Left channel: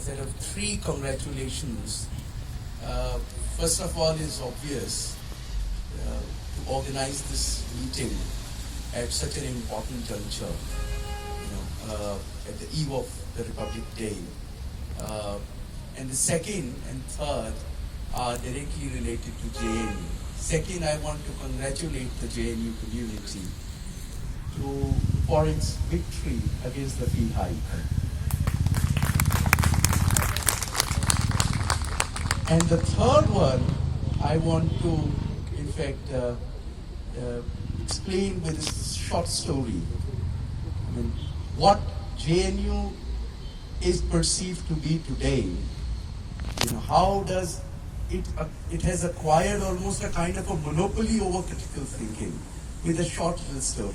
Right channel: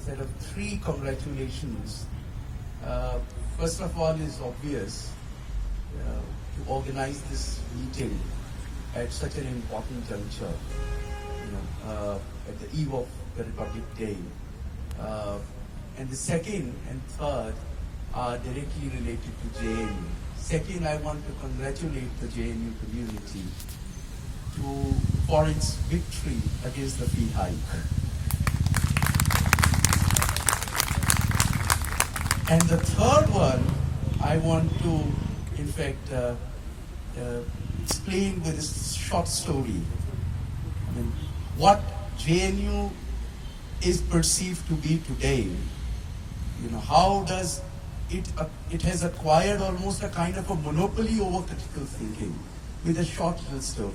set of three congratulations. First of all is obvious to organize this meeting at such an important juncture, at the eve of the Republic Day. And the second and third are directly related to JNU. Second, I want to congratulate the JNU community for its victory against the fee hike. And the third one, I want to, in fact, explain with a short story. I mean, what JNU is perceived to be today. How does it has acquired almost a kind of a monopoly over critical thinking. With a short little story.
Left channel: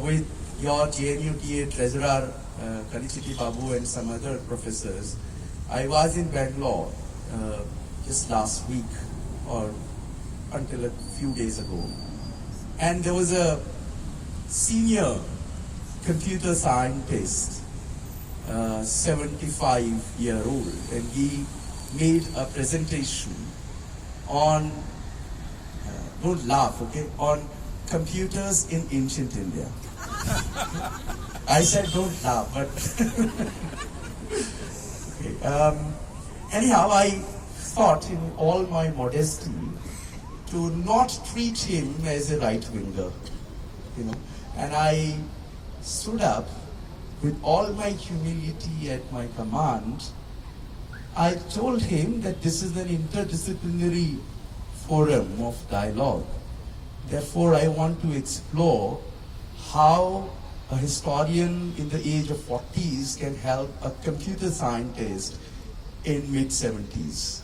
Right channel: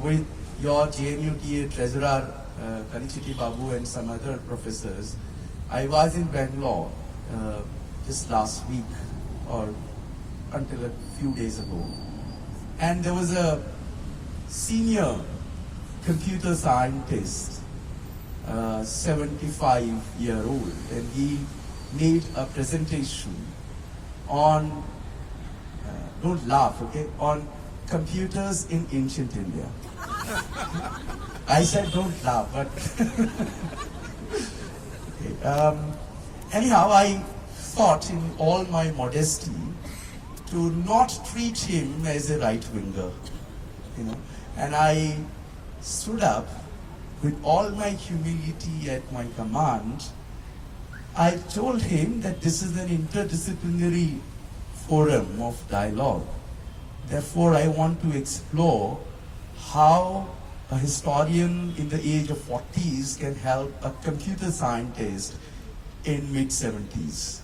With your JNU TA treasurer, Kalichiti Babu, and some other professors, I was in Bangalore just last week or until a few days ago. And there was a senior computer scientist, 75-year-old, and he made a presentation on, don't laugh, okay, on computers in ancient India. I said don't laugh, but okay. Anyhow, I thought in all my modesty to not treat him as a right-winger, and I stood up with all my humility at my command. I told him that this is an interdisciplinary forum of dialogue. Therefore, I want to explore how a historian in the age of 40s can help a computer scientist in mid-70s.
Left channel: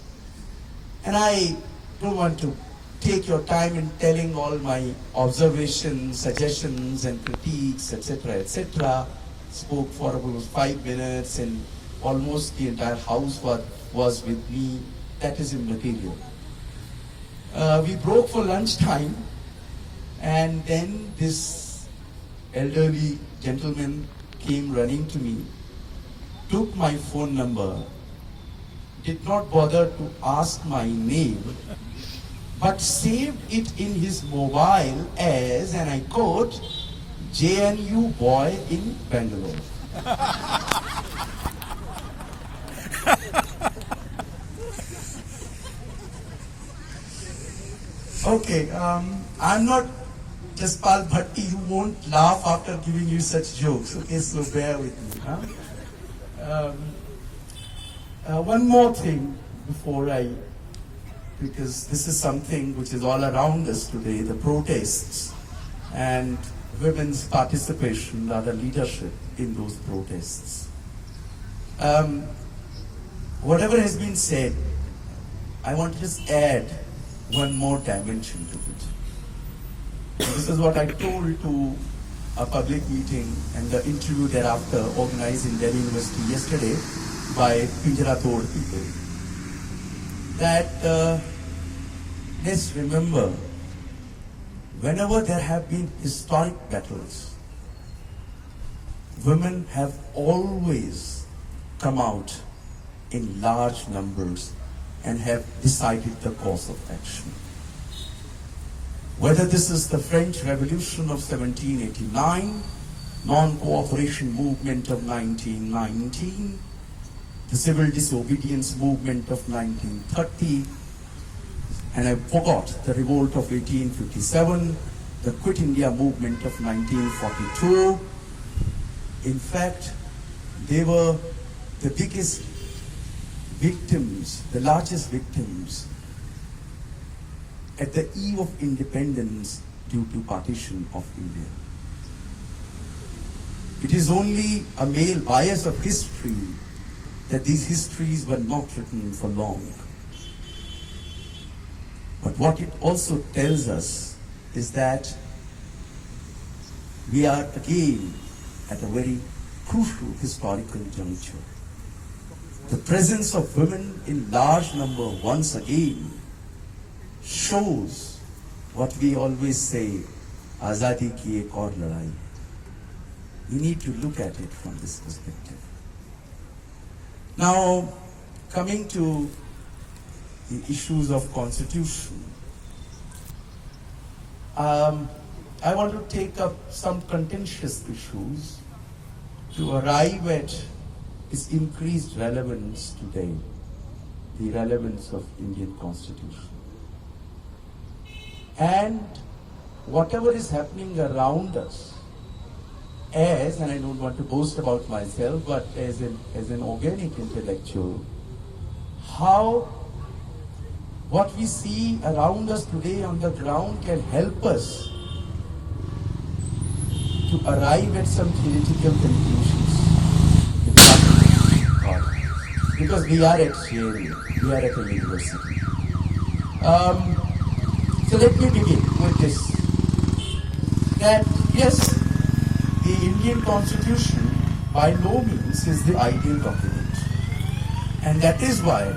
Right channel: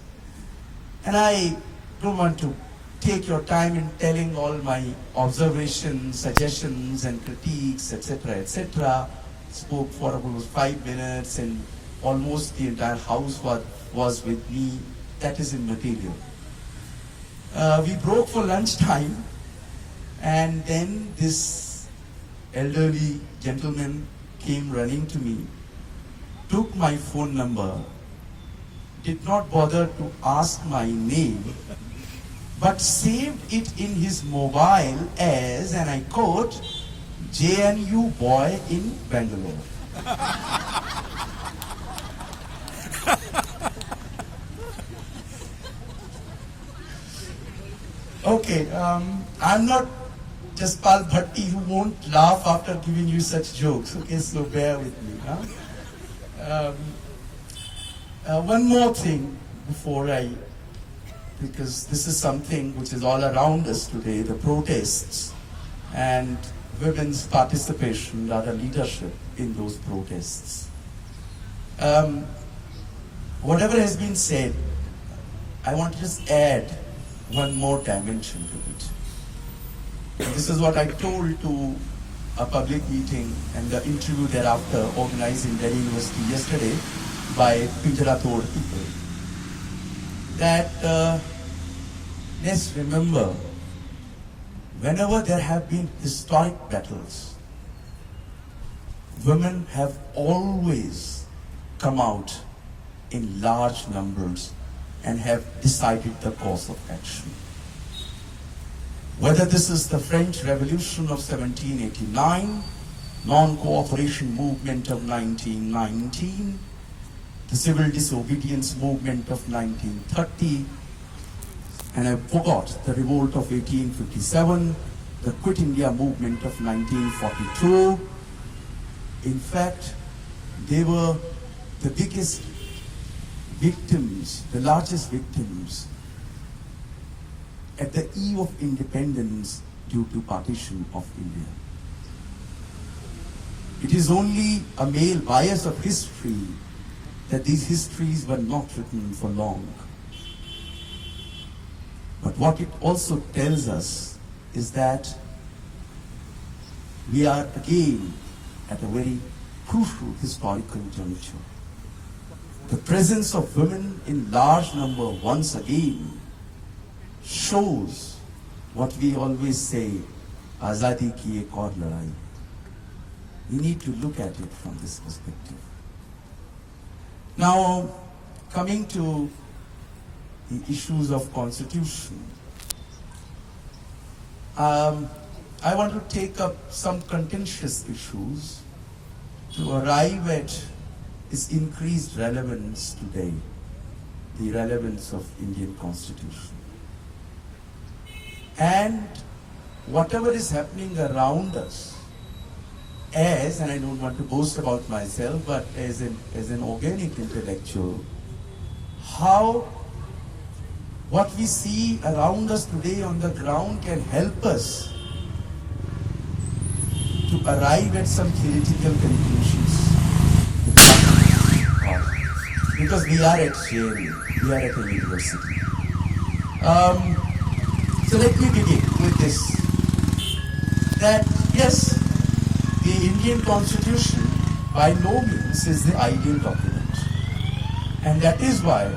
And I don't want to take your time in telling all my observations, suggestions, and critiques, etc., etc. Spoke for about 5 minutes, and almost the entire house was with me. That is immaterial. We broke for lunchtime, and then this elderly gentleman came running to me, took my phone number, did not bother to ask my name, but saved it in his mobile as, and I quote, JNU boy in Bangalore. Okay, I'm not Jaspal Bhatti who won't laugh after giving you such jokes. Okay, so bear with me. One more thing before because this is something which is all around us today, the protests and women's participation, rather leadership in those protests. Whatever has been said, I want to just add one more dimension to it. This is what I told to a public meeting and the interview thereafter organized in Delhi University yesterday by Pinjara-Tod people. That let's remember, whenever there have been historic battles, women have always come out in large numbers and have decided the course of action. Whether this is the French Revolution of 1789, non-cooperation movement of 1919, the civil disobedience movement of 1930, and I forgot the revolt of 1857, the Quit India movement of 1942. In fact, they were the biggest victims, the largest victims at the eve of independence due to partition of India. It is only a male bias of history that these histories were not written for long. But what it also tells us is that we are again at a very crucial historical juncture. The presence of women in large number once again shows what we always say, Azadi ki ek aur ladai. We need to look at it from this perspective. Now, coming to the issues of constitution, I want to take up some contentious issues to arrive at its increased relevance today, the relevance of Indian Constitution. And whatever is happening around us, and I don't want to boast about myself, but as an organic intellectual, how what we see around us today on the ground can help us to arrive at some theoretical conclusions. Because we are at JNU, we are at a university. So let me begin with this. That yes, the Indian Constitution by no means is the ideal document. And that is why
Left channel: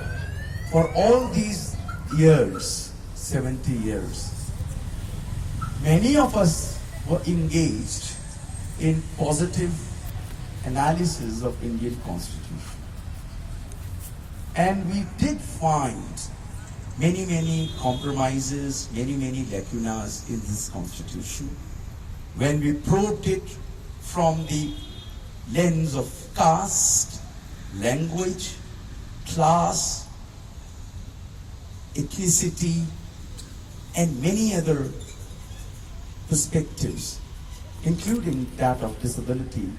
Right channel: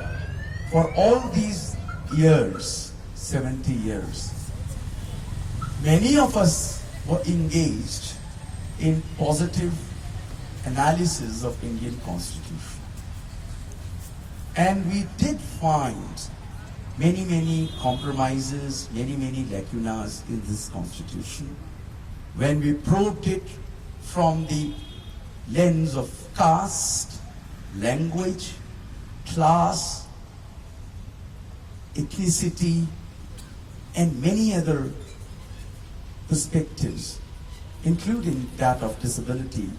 for all these years, 70 years, many of us were engaged in positive analysis of Indian Constitution. And we did find many compromises, many lacunas in this Constitution when we probed it from the lens of caste, language, class, ethnicity, and many other perspectives, including that of disability.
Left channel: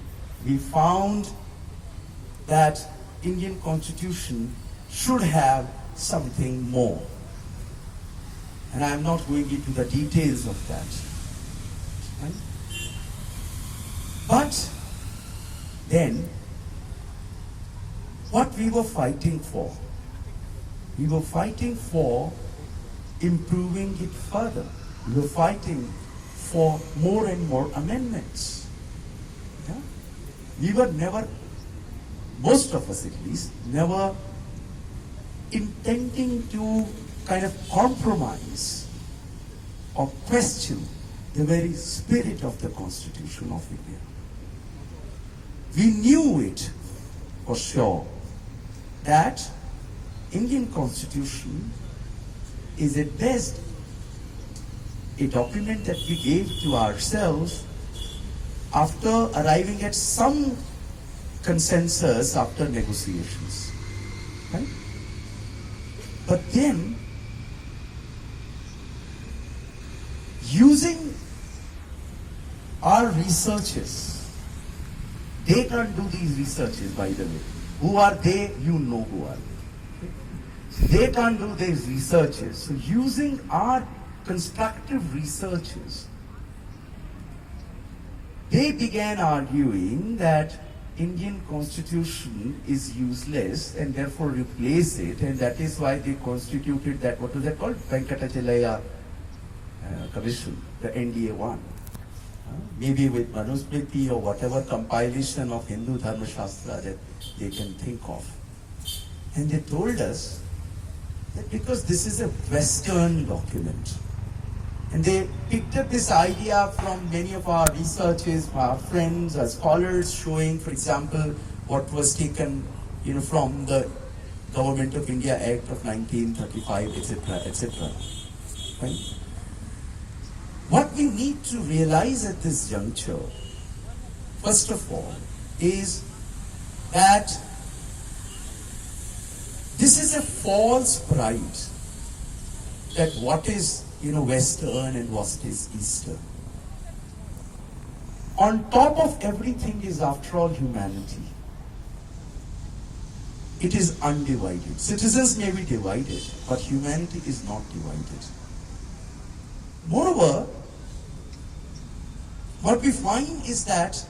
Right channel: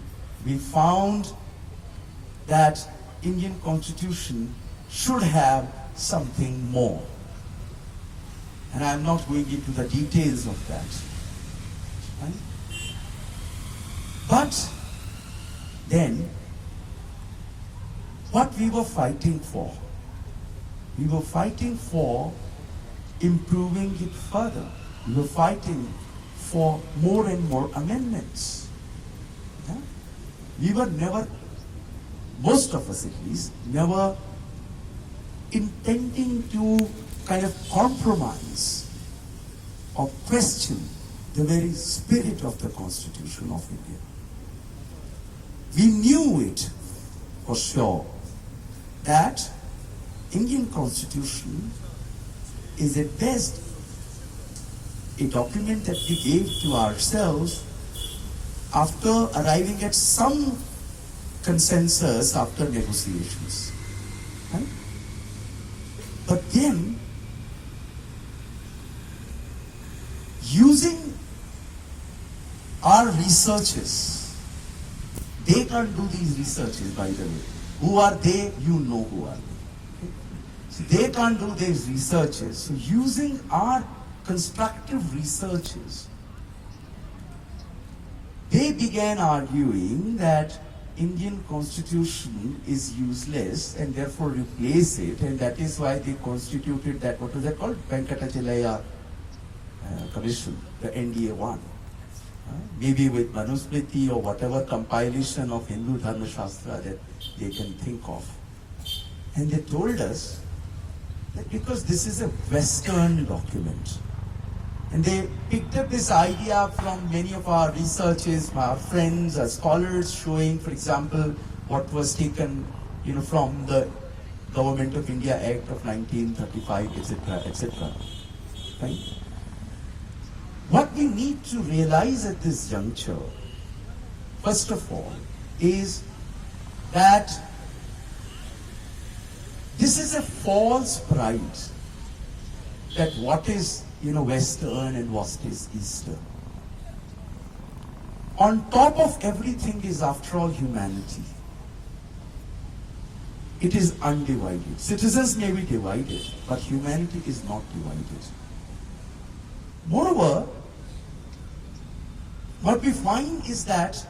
We found that Indian Constitution should have something more. And I'm not going into the details of that. Right? But then, what we were fighting for? We were fighting for improving it further. We were fighting for more and more amendments. Yeah? We were never, most of us at least, never intending to kind of compromise or question the very spirit of the Constitution of India. We knew it for sure that Indian Constitution is at best a document that we gave to ourselves after arriving at some consensus after negotiations. Right? But then, using our researchers, they can't do these researches, by the way. Who are they? You know who are they. They can't do these researches. So using our constructive researches, they began arguing that Indian Constitution is useless and therefore replace it, and that is why they constituted that, what was that called? Venkatachalaya Commission, the NDA one. Maybe with Manusmriti or whatever compilation of Hindu Dharma Shastra that they can think of. And they told us that because this is a Western document, and they picked up this idea from many of our researchers, our friends, our scholars, showing, for example, what was taken, from the Government of India Act of 1935, etc., etc. Right? What we need to realize at this juncture, first of all, is that this is a false pride that what is Western and what is Eastern. On top of everything is, after all, humanity. It is undivided. Citizens may be divided, but humanity is not divided. Moreover, what we find is that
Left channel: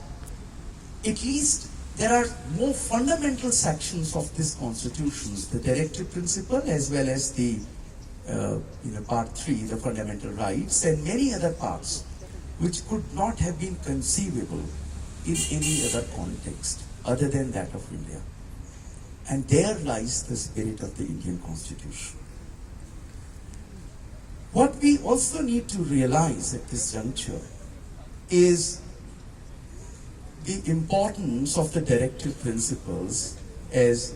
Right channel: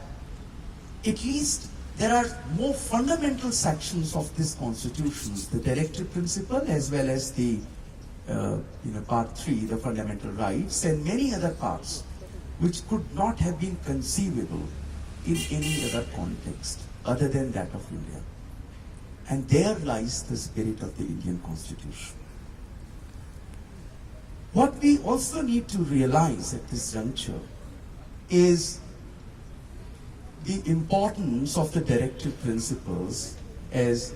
at least there are more fundamental sections of this Constitution, the directive principle as well as the part 3, the fundamental rights, and many other parts which could not have been conceivable in any other context other than that of India. And there lies the spirit of the Indian Constitution. What we also need to realize at this juncture is the importance of the directive principles as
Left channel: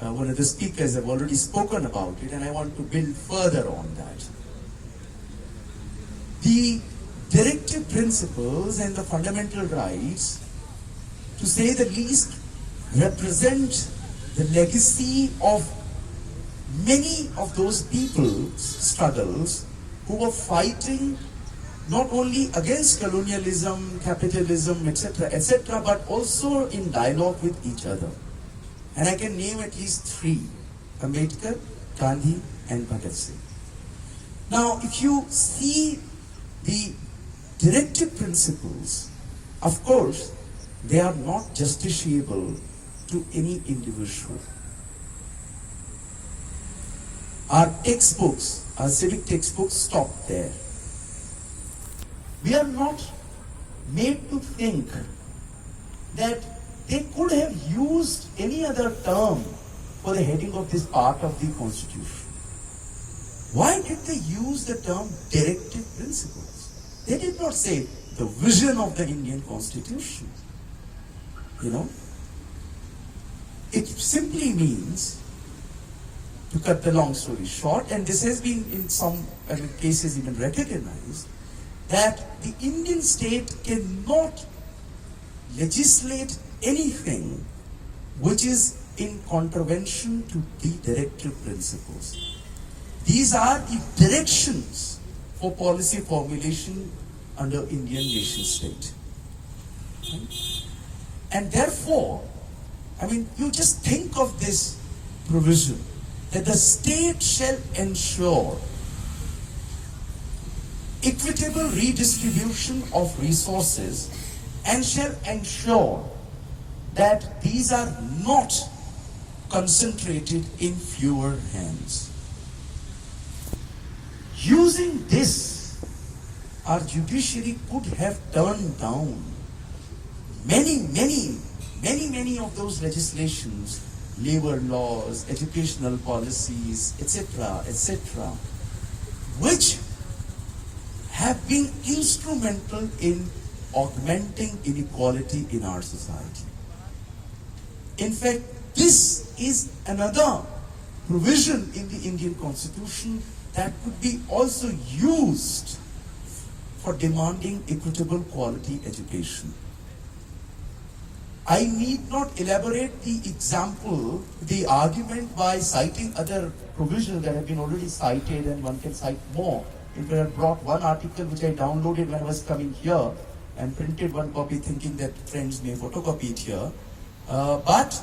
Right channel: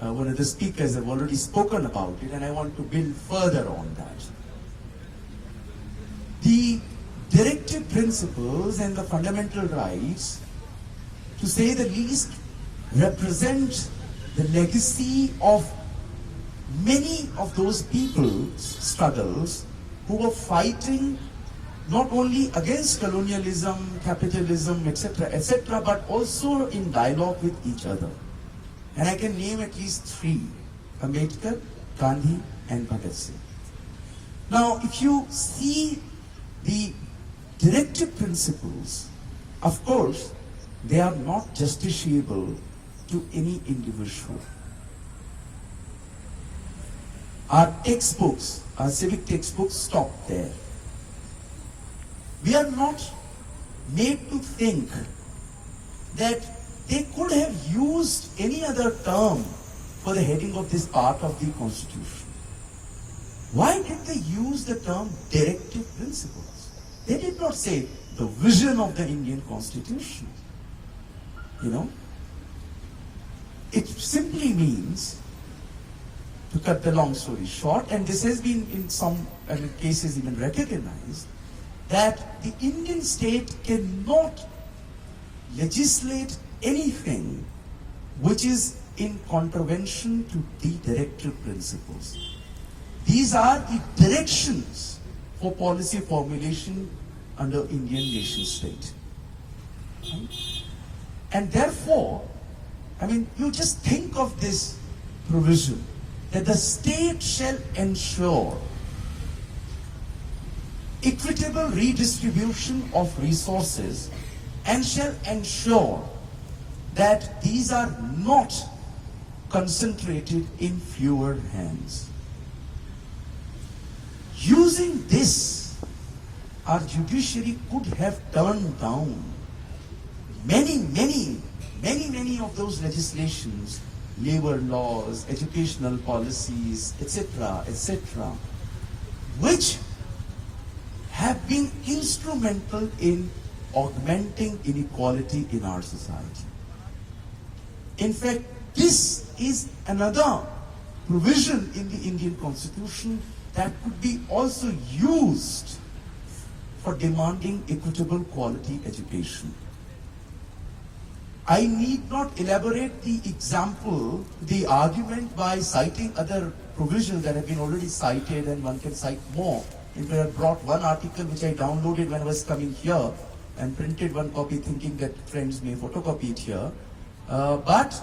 one of the speakers have already spoken about it, and I want to build further on that. The directive principles and the fundamental rights, to say the least, represent the legacy of many of those people's struggles who were fighting not only against colonialism, capitalism, etc., but also in dialogue with each other. And I can name at least three: Ambedkar, Gandhi, and Bhagat Singh. Now, if you see the directive principles, of course, they are not justiciable to any individual. Our textbooks, our civic textbooks, stop there. We are not made to think that they could have used any other term for the heading of this part of the Constitution. Why did they use the term directive principles? They did not say the vision of the Indian Constitution. It simply means, to cut the long story short, and this has been in some cases even recognized, that the Indian state cannot legislate anything which is in contravention to the directive principles. These are the directions for policy formulation under Indian nation state. And therefore, you just think of this provision, that the state shall ensure equitable redistribution of resources and shall ensure that these are not concentrated in fewer hands. Using this, our judiciary could have turned down many of those legislations, labor laws, educational policies, etc., which have been instrumental in augmenting inequality in our society. In fact, this is another provision in the Indian Constitution that could be also used for demanding equitable quality education. I need not elaborate the example, the argument, by citing other provisions that have been already cited, and one can cite more. If I have brought one article which I downloaded when I was coming here and printed one copy thinking that friends may photocopy it here. But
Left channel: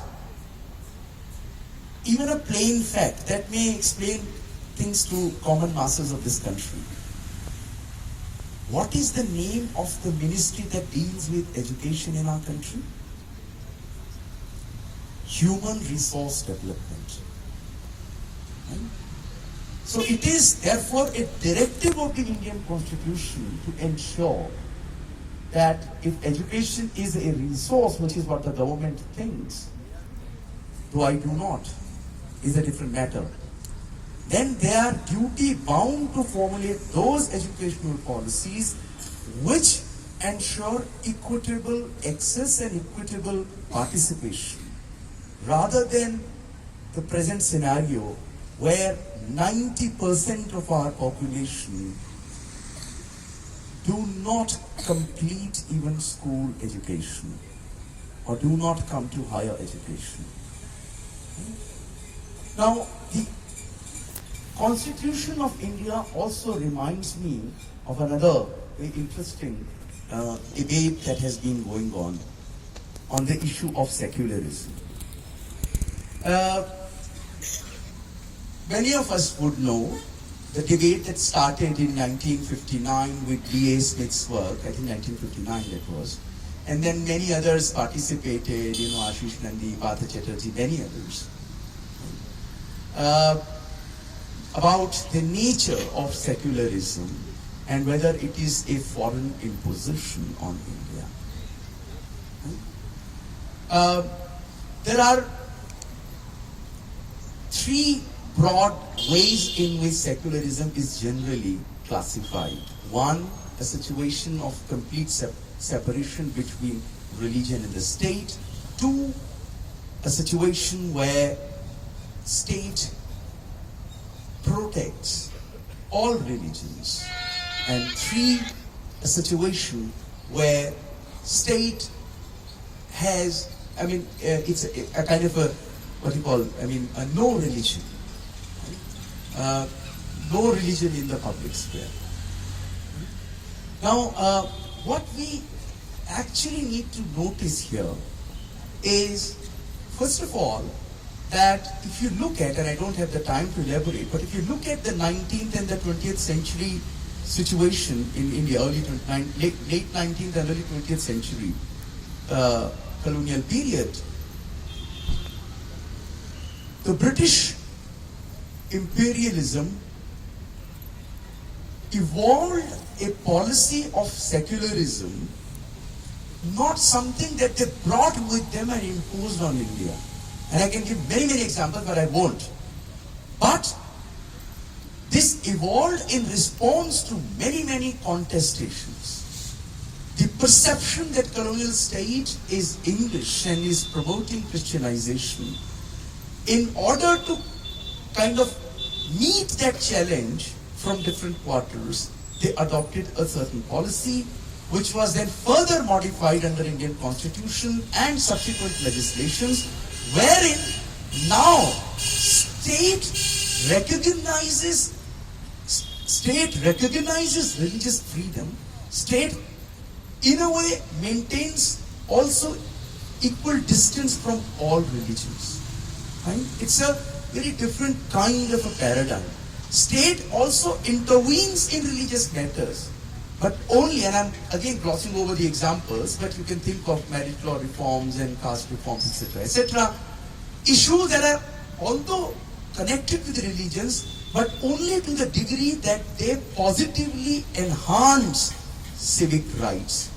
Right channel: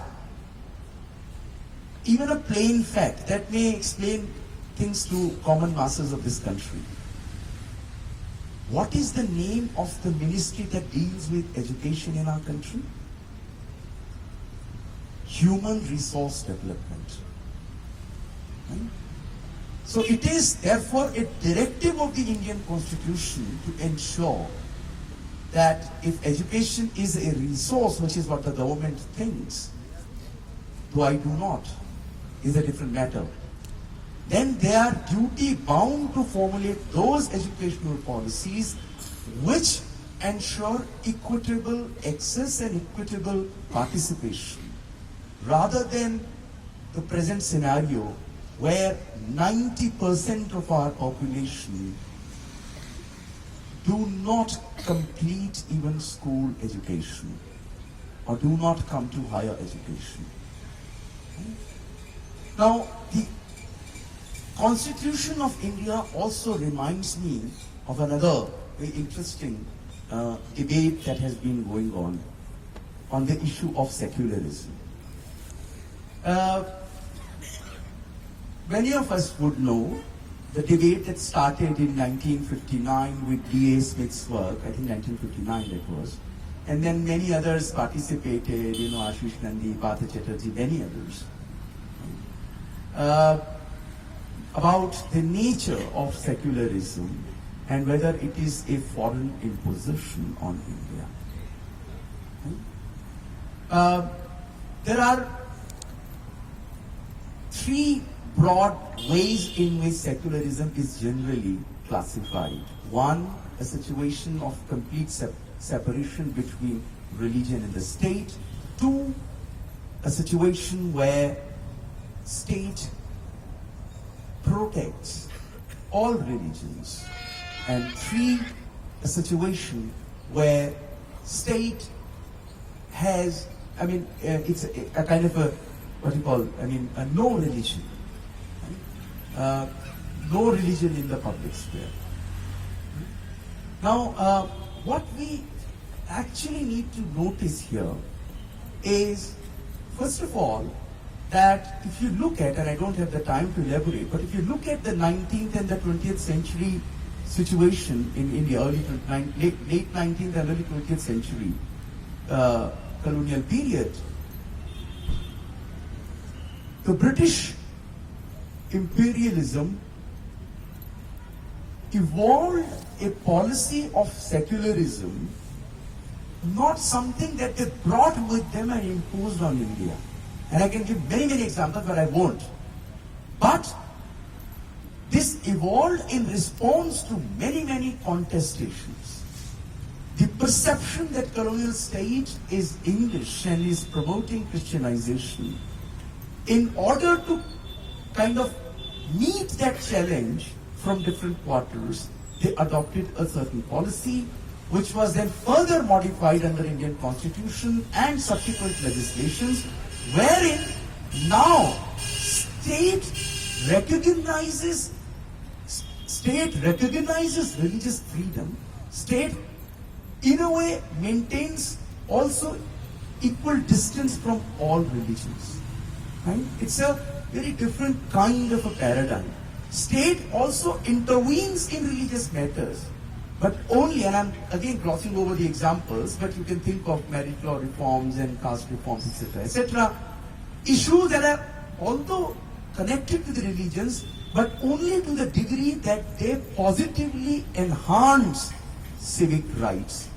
even a plain fact that may explain things to common masses of this country. What is the name of the ministry that deals with education in our country? Human Resource Development. So it is therefore a directive of the Indian Constitution to ensure that if education is a resource, which is what the government thinks, though I do not, is a different matter, then they are duty bound to formulate those educational policies which ensure equitable access and equitable participation, rather than the present scenario where 90% of our population do not complete even school education or do not come to higher education. Now, the Constitution of India also reminds me of another very interesting debate that has been going on the issue of secularism. Many of us would know the debate that started in 1959 with D.A. Smith's work, I think 1959 that was, and then many others participated, Ashish Nandi, Partha Chatterjee, many others, about the nature of secularism and whether it is a foreign imposition on India. There are three broad ways in which secularism is generally classified. One, a situation of complete separation between religion and the state. Two, a situation where state protects all religions, and 3, a situation where state has, it's a kind of a, what you call, a no religion. No religion in the public square. Now, what we actually need to notice here is, first of all, that if you look at, and I don't have the time to elaborate, but if you look at the 19th and the 20th century situation in India, late 19th and early 20th century colonial period, the British imperialism evolved a policy of secularism, not something that they brought with them and imposed on India. And I can give many, many examples, but I won't. But this evolved in response to many, many contestations. The perception that colonial state is English and is promoting Christianization, in order to kind of meet that challenge from different quarters, they adopted a certain policy, which was then further modified under Indian Constitution and subsequent legislations, wherein now state recognizes religious freedom. State, in a way, maintains also equal distance from all religions. Right? It's a very different kind of a paradigm. State also intervenes in religious matters, but only, and I'm again glossing over the examples, but you can think of marriage law reforms and caste reforms, etc., issues that are although connected to the religions, but only to the degree that they positively enhance civic rights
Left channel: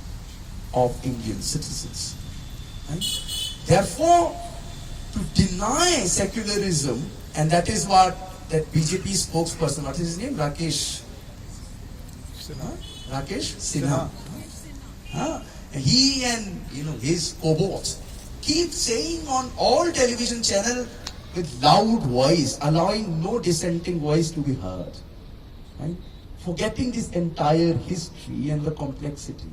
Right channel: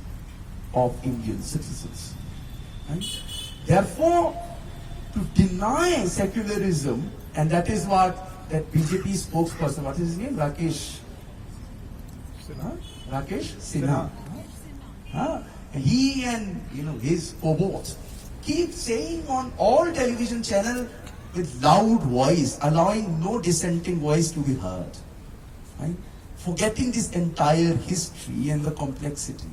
of Indian citizens. Right? Therefore, to deny secularism, and that is what that BJP spokesperson, what is his name? Rakesh Sinha. He and his cohorts keep saying on all television channels with loud voice, allowing no dissenting voice to be heard. Right? Forgetting this entire history and the complexity.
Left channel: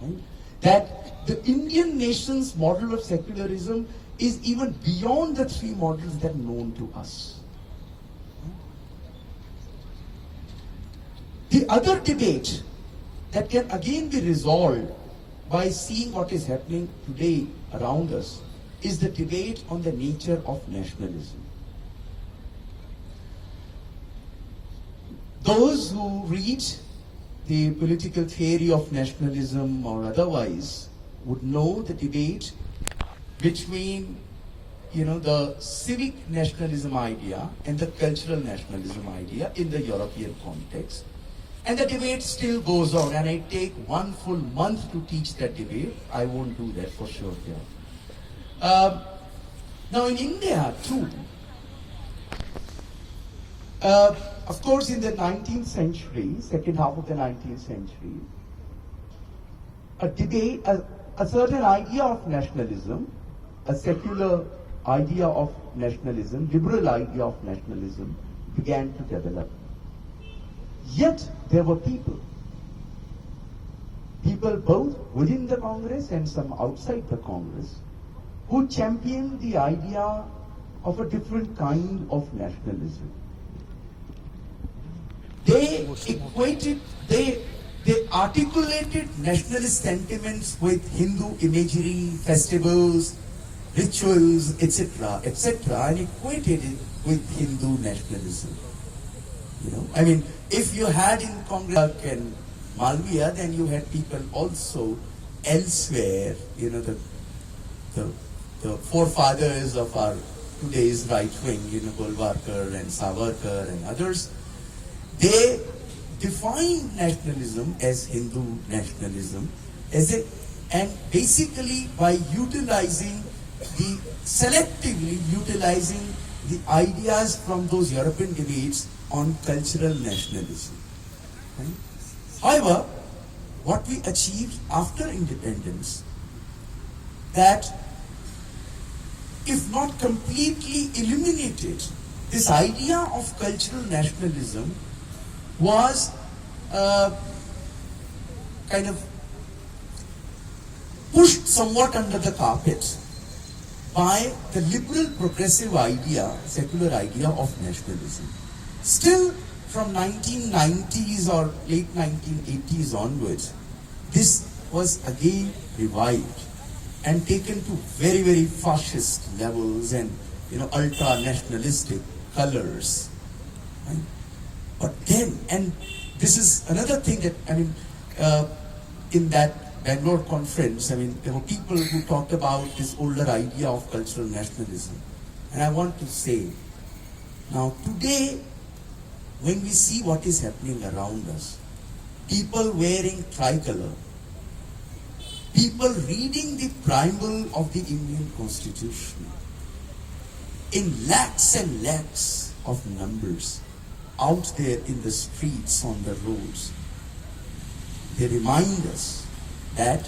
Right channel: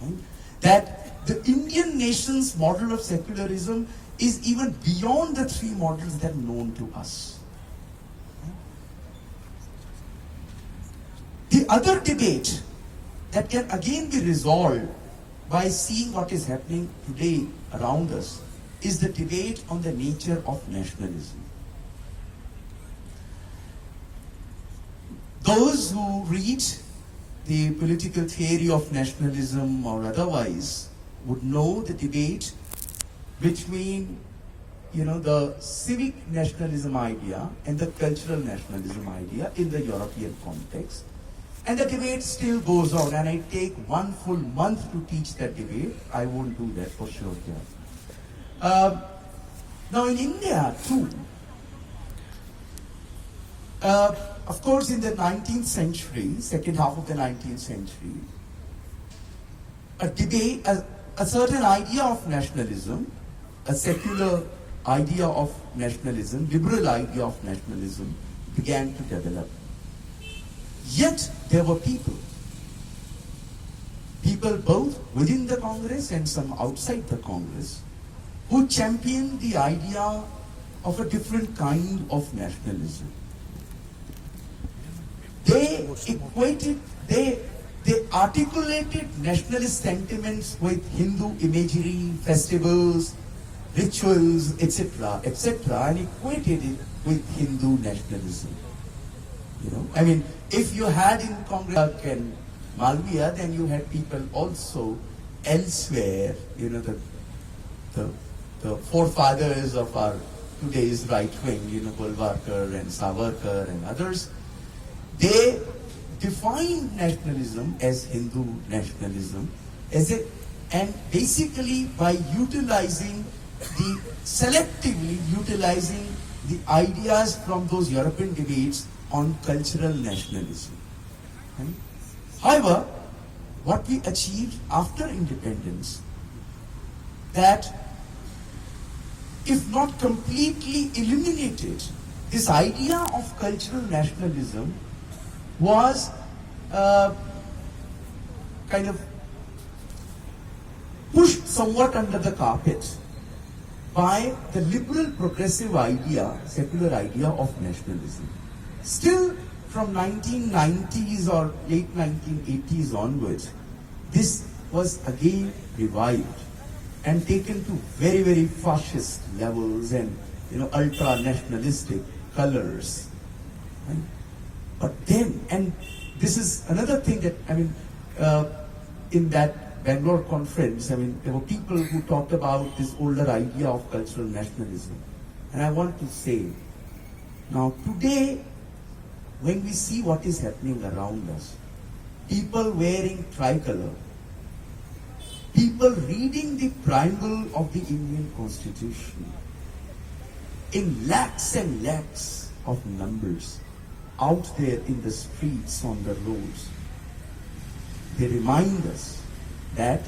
Right? That the Indian nation's model of secularism is even beyond the 3 models that are known to us. The other debate that can again be resolved by seeing what is happening today around us is the debate on the nature of nationalism. Those who read the political theory of nationalism or otherwise would know the debate between the civic nationalism idea and the cultural nationalism idea in the European context. And the debate still goes on, and I take 1 full month to teach that debate. I won't do that for sure here. Now in India too, of course in the 19th century, second half of the 19th century, a debate, a certain idea of nationalism, a secular idea of nationalism, liberal idea of nationalism began to develop. Yet there were people both within the Congress and some outside the Congress, who championed the idea of a different kind of nationalism. They articulated nationalist sentiments with Hindu imagery, festivals, rituals, etc., and equated it with Hindu nationalism. If you had in Congress and Malviya, then you had people also elsewhere, the forefathers of our today's right wing, Golwalkar and Savarkar and others. They defined nationalism as Hindu nationalism, and basically by selectively utilizing the ideas from those European debates on cultural nationalism. Right? However, what we achieved after independence, that if not completely eliminated, this idea of cultural nationalism was kind of pushed somewhat under the carpet by the liberal progressive idea, secular idea of nationalism. Still, from 1990s or late 1980s onwards, this was again revived and taken to very, very fascist levels and, ultra-nationalistic colors. Right? But then, and this is another thing that, in that Bangalore conference, there were people who talked about this older idea of cultural nationalism. And I want to say, now today, when we see what is happening around us, people wearing tricolor, people reading the preamble of the Indian Constitution in lakhs and lakhs of numbers out there in the streets, on the roads, they remind us that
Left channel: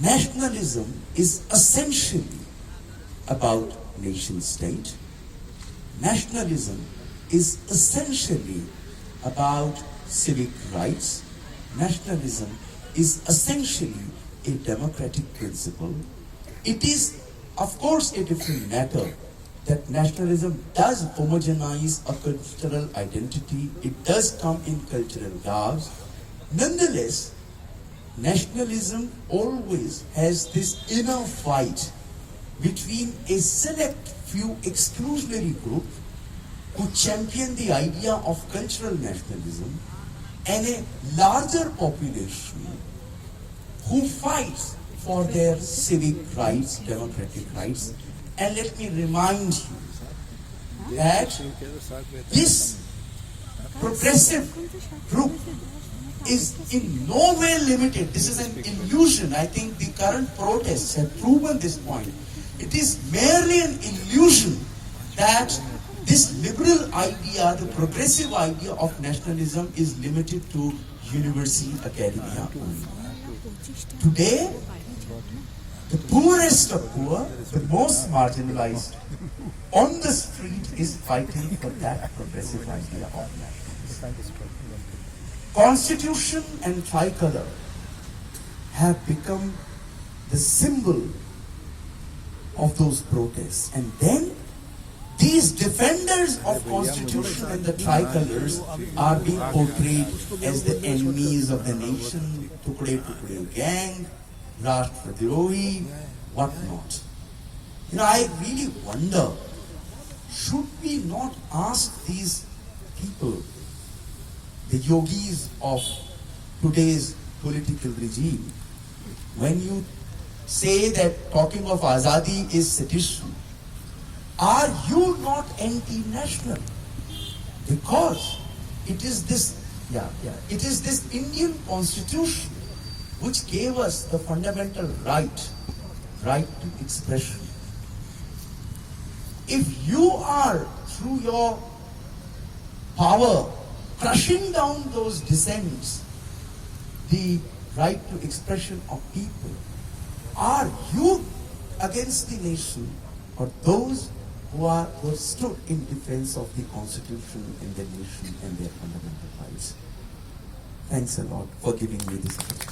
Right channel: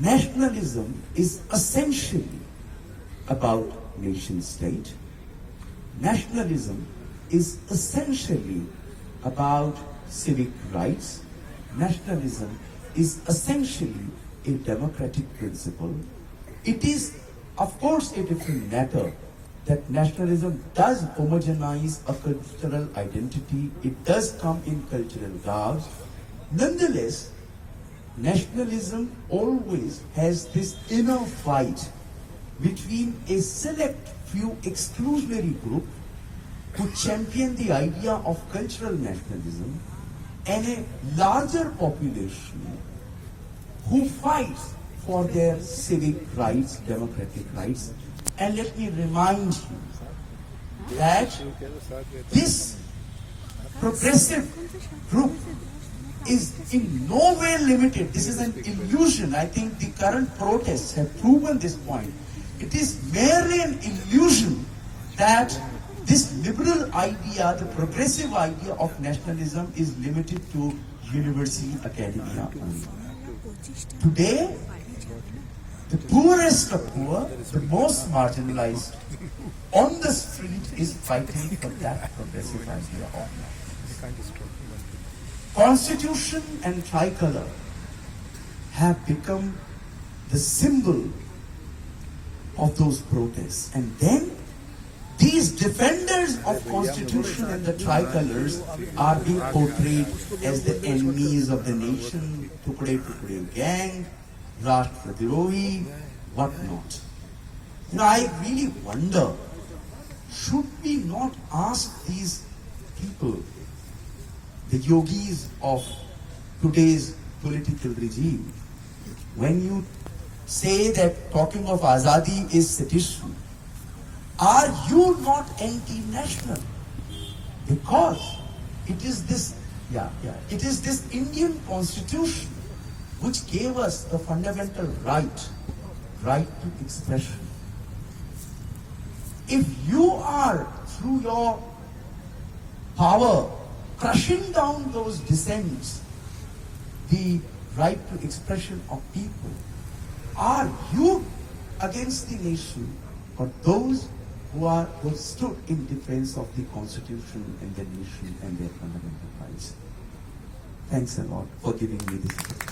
nationalism is essentially about nation state. Nationalism is essentially about civic rights. Nationalism is essentially a democratic principle. It is, of course, a different matter that nationalism does homogenize a cultural identity. It does come in cultural garbs. Nonetheless, nationalism always has this inner fight between a select few exclusionary groups who champion the idea of cultural nationalism and a larger population who fights for their civic rights, democratic rights. And let me remind you that this progressive group is in no way limited. This is an illusion. I think the current protests have proven this point. It is merely an illusion that this liberal idea, the progressive idea of nationalism is limited to university academia only. Today, the poorest of poor, the most marginalized, on the street is fighting for that progressive idea of nationalism. Constitution and tricolor have become the symbol of those protests. And then these defenders of Constitution and the tricolors are being portrayed as the enemies of the nation, Tukde gang, Rashtravirodhi, whatnot. I really wonder, should we not ask these people, the yogis of today's political regime, when you say that talking of Azadi is sedition, are you not anti-national? Because it is this Indian Constitution which gave us the fundamental right to expression. If you are, through your power, crushing down those dissents, the right to expression of people, are you against the nation or those who stood in defense of the Constitution and the nation and their fundamental rights? Thanks a lot for giving me this opportunity.